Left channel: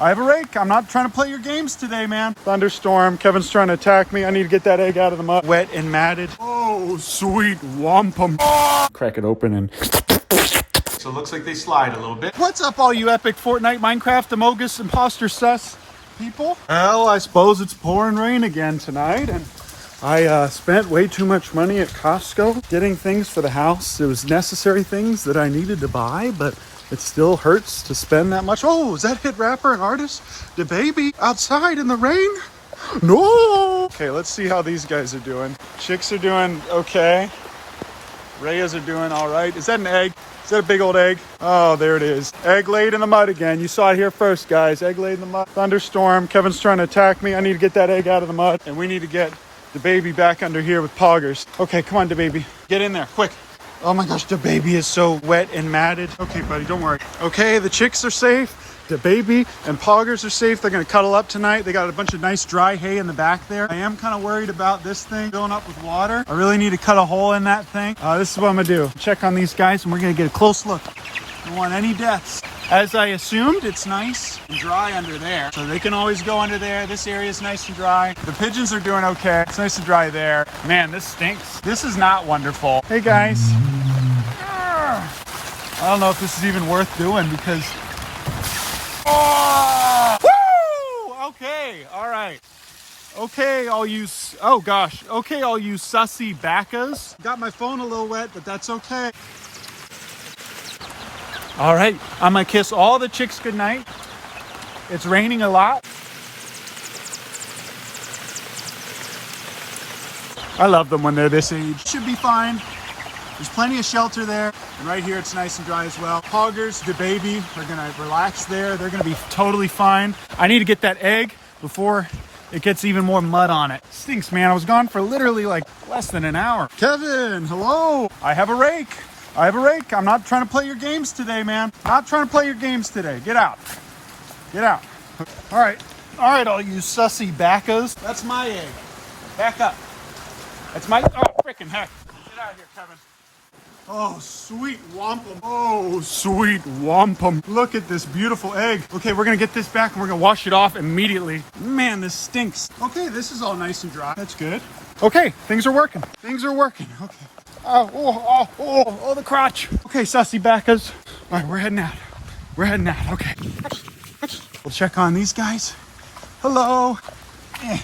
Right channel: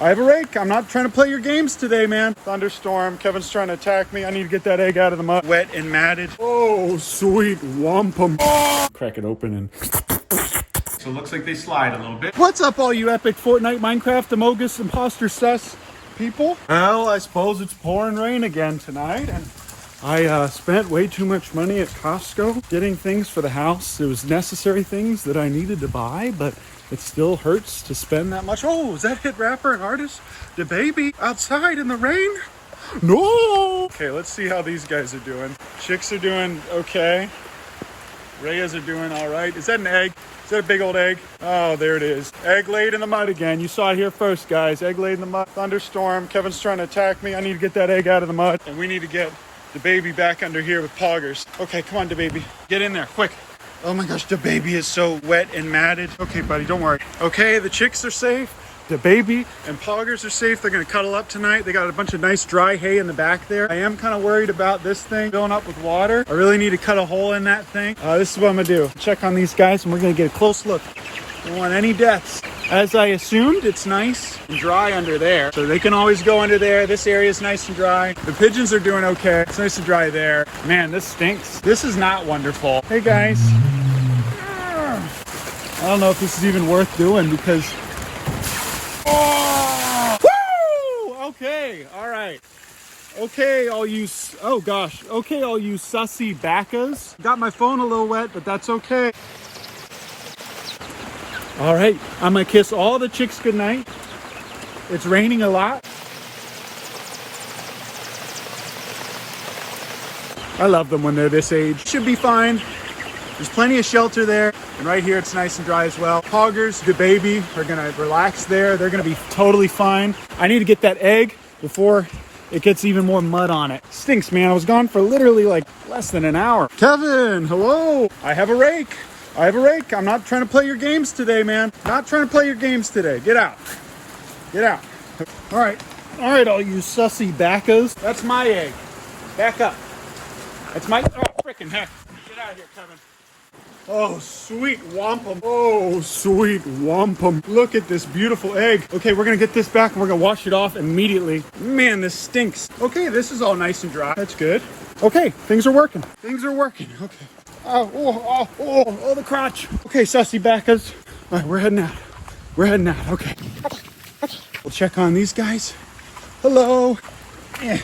I have a rake. I'm not trying to play your games today, man. Thunderstorm. Kevin's trying to attack me. I need to get that egg out of the mud. Wet and matted. Oh, sweet wampum. Oh. Crack it open and... So it looks like they slide a little bit. What's up, all you epic Fortnite, Minecraft, Amogus, imposter sus people? Well, I suppose it's pouring rain again tonight. And I spent way too much money at Costco getting things for the house. It was necessary things that I needed to buy, but it still hurts to spend that much. Oh, is that hit rapper and artist Dababy outside in the rain? No! Okay, let's see how these guys are doing. Chicks are doing okay. Reyes are doing all right. Is that an egg? Is that a big old egg? Oh, there it is. Egg laid in the mud again. You saw it here first, guys. Egg laid in the mud. Thunderstorm. Kevin's trying to attack me. I need to get that egg out of the mud. And we need to get Dababy back under here with poggers. Okay, come on, Dababy. Get in there, quick. Oh my gosh, Dababy is so wet and matted. Okay, buddy, don't worry. Okay, the chicks are safe. Dababy and poggers are safe. They're gonna cuddle up tonight. They got a bunch of nice dry hay in the back there. I am kind of worried about this thing filling up with water. I really need to cut a hole in that thing. This is what I'm gonna do. Check on these guys and we're gonna get a close look. I don't want any deaths. As I assumed, it's nice and dry under there. So they can always go under there. This area is nice and dry. The pigeons are doing okay. It's nice and dry there. Man, this stinks. This is not wonderful. Hey guys. I don't know if this is even worth doing because... Oh! Woo! Okay, all right. Okay, all you... Oh gosh. Okay, all you sussy baccas. Got my phone a little wet, but that's okay. All right, I'm gonna kiss all the chicks goodnight. It's raining a lot. I love them when they're this age. Should be fine. There's plenty of shelter there. And right here, it's nice and dry as well. Poggers, Dababy, are gonna relax there. They're gonna be totally fine. I need to get that egg before it gets even more mud on it. Stinks, man. I was gone for literally like less than an hour. Kevin, hello. I have a rake. I have a rake. I'm not trying to play your games today, man. Not trying to play your games today. Get out. Get out. All right. All right, all you sussy baccas. That's my egg. Back up. That's my... Oh, freaking heck. Get out of here, Kevin. Oh, sweet wampum. Oh, sweet wampum. Look at this beautiful egg. Okay, we're going to get this back and we're going to wash it off immediately. Man, this stinks. Okay, this is all nice and dry. That's good. Okay, things are working. Things are working. Okay. Oh, the crotch. Okay, sussy baccas. All right, we're heading out. We're heading out. Okay. We'll check on these guys. Hello. Yeah.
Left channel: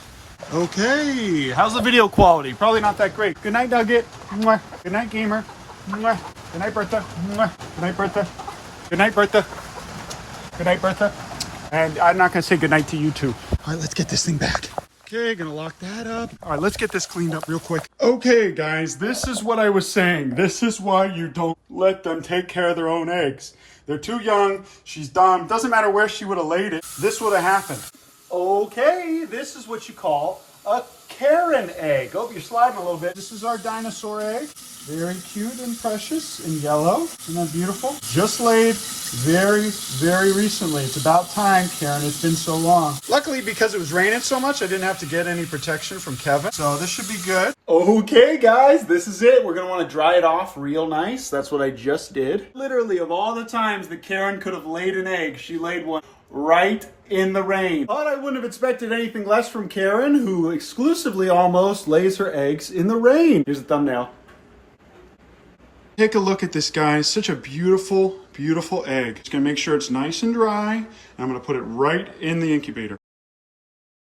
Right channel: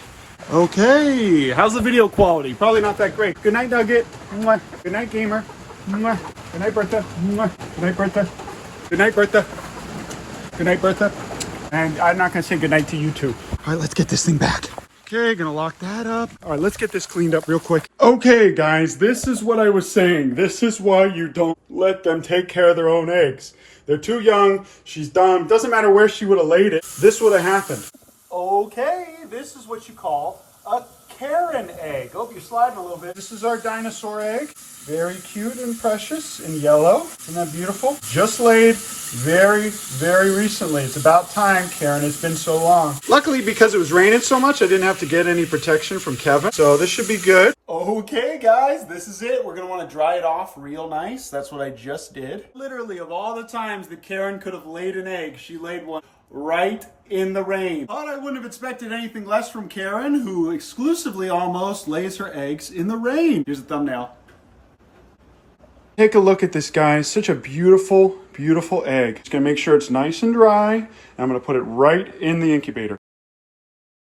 Okay, how's the video quality? Probably not that great. Good night, Nugget. Mwah. Good night, Gamer. Mwah. Good night, Bertha. Mwah. Good night, Bertha. Good night, Bertha. Good night, Bertha. And I'm not going to say good night to you too. All right, let's get this thing back. Okay, gonna lock that up. All right, let's get this cleaned up real quick. Okay, guys, this is what I was saying. This is why you don't let them take care of their own eggs. They're too young. She's dumb. Doesn't matter where she would have laid it. This would have happened. Okay, this is what you call a Karen egg. Oh, you're sliding a little bit. This is our dinosaur egg. Very cute and precious in yellow. Isn't that beautiful? Just laid very, very recently. It's about time, Karen. It's been so long. Luckily, because it was raining so much, I didn't have to get any protection from Kevin. So this should be good. Okay, guys, this is it. We're going to want to dry it off real nice. That's what I just did. Literally, of all the times that Karen could have laid an egg, she laid one right in the rain. Thought I wouldn't have expected anything less from Karen, who exclusively almost lays her eggs in the rain. Here's the thumbnail. Take a look at this, guys. Such a beautiful, beautiful egg. Just gonna make sure it's nice and dry. And I'm gonna put it right in the incubator.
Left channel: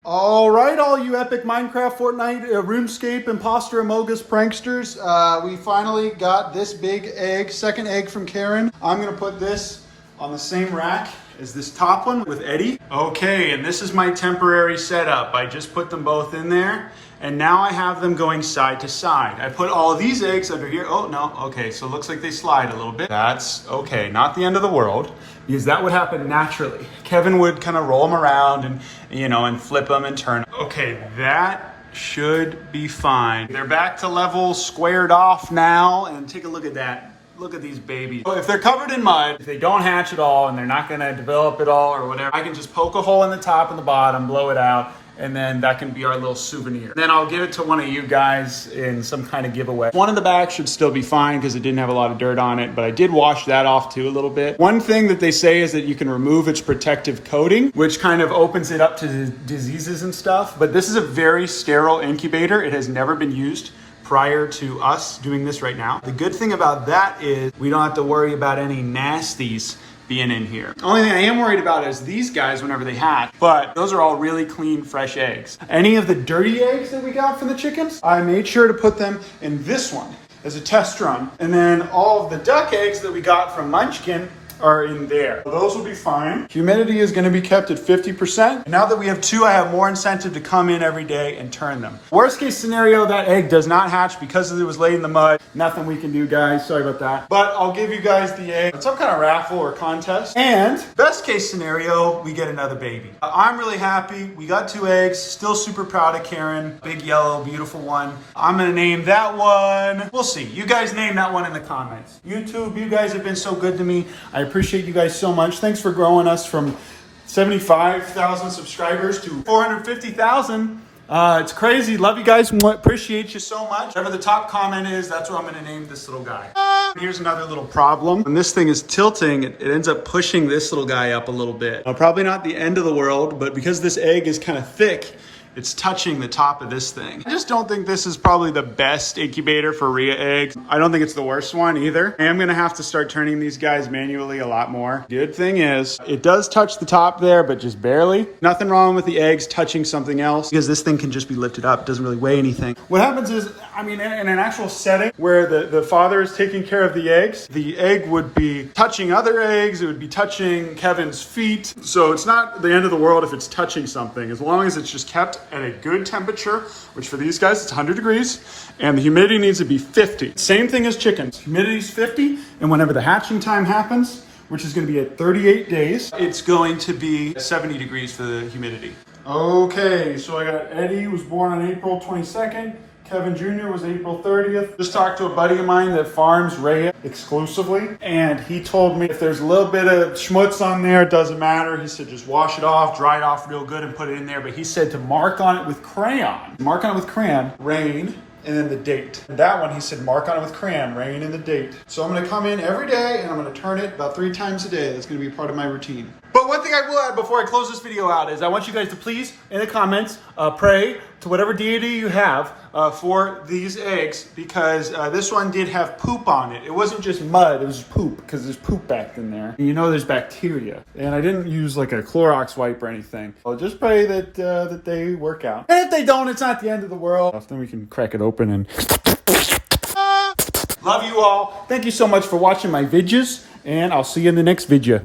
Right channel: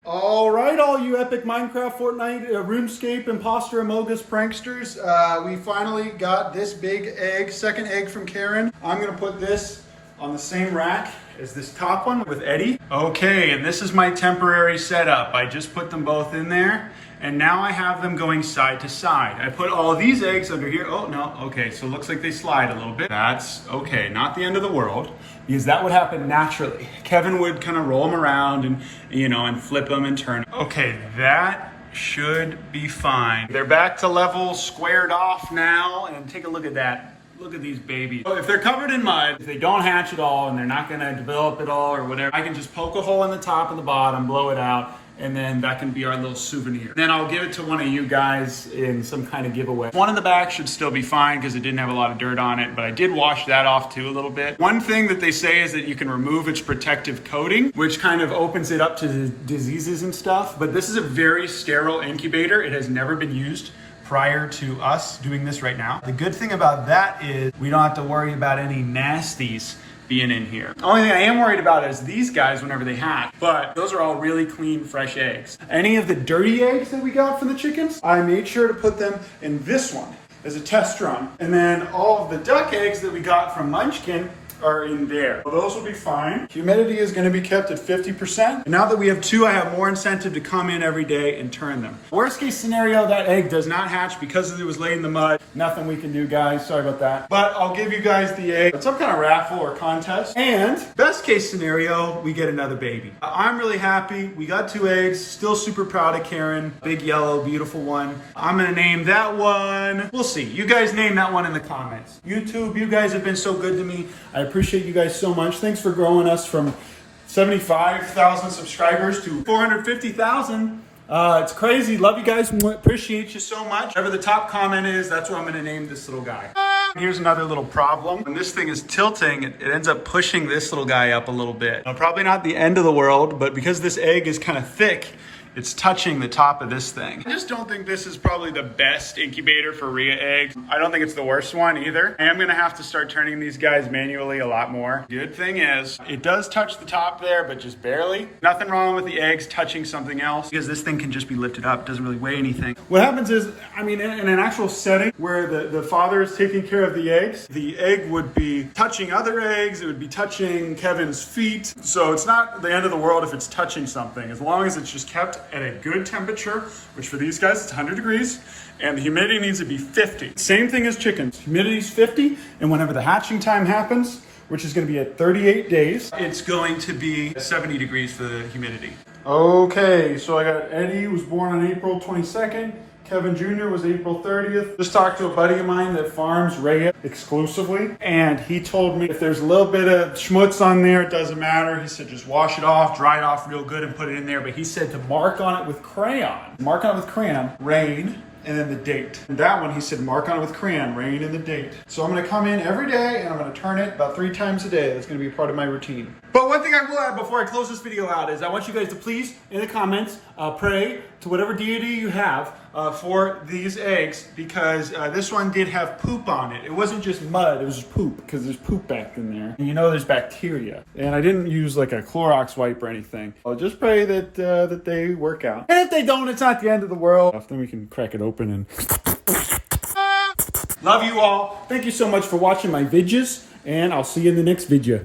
All right, all you epic Minecraft, Fortnite, RuneScape, imposter, Amogus, pranksters. We finally got this big egg, second egg from Karen. I'm gonna put this on the same rack as this top one with Eddie. Okay, and this is my temporary setup. I just put them both in there, and now I have them going side to side. I put all of these eggs under here. Oh, no, okay, so it looks like they slide a little bit. That's okay, not the end of the world, because that would happen naturally. Kevin would kind of roll them around and, you know, and flip them and turn. Okay, that should be fine. They're back to level, squared off now, and take a look at that. Look at these babies. If they're covered in mud, if they don't hatch at all and they're not gonna develop at all or whatever, I can just poke a hole in the top and the bottom, blow it out, and then that can be our little souvenir. Then I'll give it to one of you guys in some kind of giveaway. One in the back should still be fine because it didn't have a lot of dirt on it, but I did wash that off too a little bit. One thing that they say is that you can remove its protective coating, which kind of opens it up to diseases and stuff, but this is a very sterile incubator. It has never been used prior to us doing this right now. The good thing about that is we don't have to worry about any nasties being in here. The only thing I am worried about is these guys whenever they hatch, but those are all really clean, fresh eggs. Any of the dirty eggs that we got from the chickens, I made sure to put them in this one as a test run. And then all of the duck eggs that we got from Munchkin are in there. Those will be fine. Humidity is going to be kept at 50%. Now that we have two, I have more incentive to come in every day and turn them. Worst case scenario, that egg does not hatch because it was laid in the mud. Nothing we can do, guys. Sorry about that. But I'll give you guys the egg. It's some kind of raffle or contest. And best case scenario, we get another baby. I'm really happy. We got two eggs. Still super proud of Karen. Big yellow, beautiful one. I'm going to name that one. We'll see. You guys name that one in the comments. YouTube, you guys have been so good to me. I appreciate you guys so much. Thanks for growing us from 75,000 subscribers to 450,000. It's crazy. Love you guys. Appreciate you so much. Whatever the top comment is, that's what I'm going to name this little guy. Here's another little problem. When this thing is tilting, it ends up pushing this little guy up a little bit. Probably not the end of the world, but because this egg is kind of thick, it's touching the top of this thing. I just don't think this is probably the best incubator for Rhea eggs. I don't think it's the worst one either. I am gonna have to start turning these guys manually a lot more. Good thing is, it does touch the top there, but just barely. Nothing wrong with the eggs touching something else because this thing can just be lifted up. It doesn't really weigh anything. What happens is, I mean, in an actual setting where the father is taking care of the egg would be touching other eggs. It would be touching Kevin's feet. So it's not the end of the world if it's touching something, as long as it's just kept at a good temperature, which for these guys, it's 100 degrees, and the humidity needs to be 50. Same thing as chickens. Humidity is 50, and whenever the hatching time happens, which is going to be at 38 days, it's going to be 70 degrees for the humidity. Okay, so I got Eddie, was born on April 22nd. Kevin Jr. was April 30th. Just talked to a buddy of mine that farms Rhea exclusively, and he told me if there's a little bit of schmutz on there, it doesn't matter. He said just wash it off, dry it off real good, and put it in there. But he said to mark on it with crayon. Mark on it with crayon, rain, and then the date. And that one, he said, mark on it with crayon, rain and the date. So I'm gonna come in every day and I'm gonna turn it about 3 times a day. That's gonna be a part of my routine. But one thing I will add before I close this video out is I want you guys to please, in the comments, pray to whatever deity you have for these eggs, because this one did have poop on it. It wasn't just mud, it was just poop, because there's poop back in there. And you know there's bacteria. And I didn't use like a Clorox wipe or anything. I'll just pray that that they work out. And if they don't, it's not the end of the world. Then we can crack it open and... Love you all. Thank you so much for watching my videos, and I'll see you in the next video.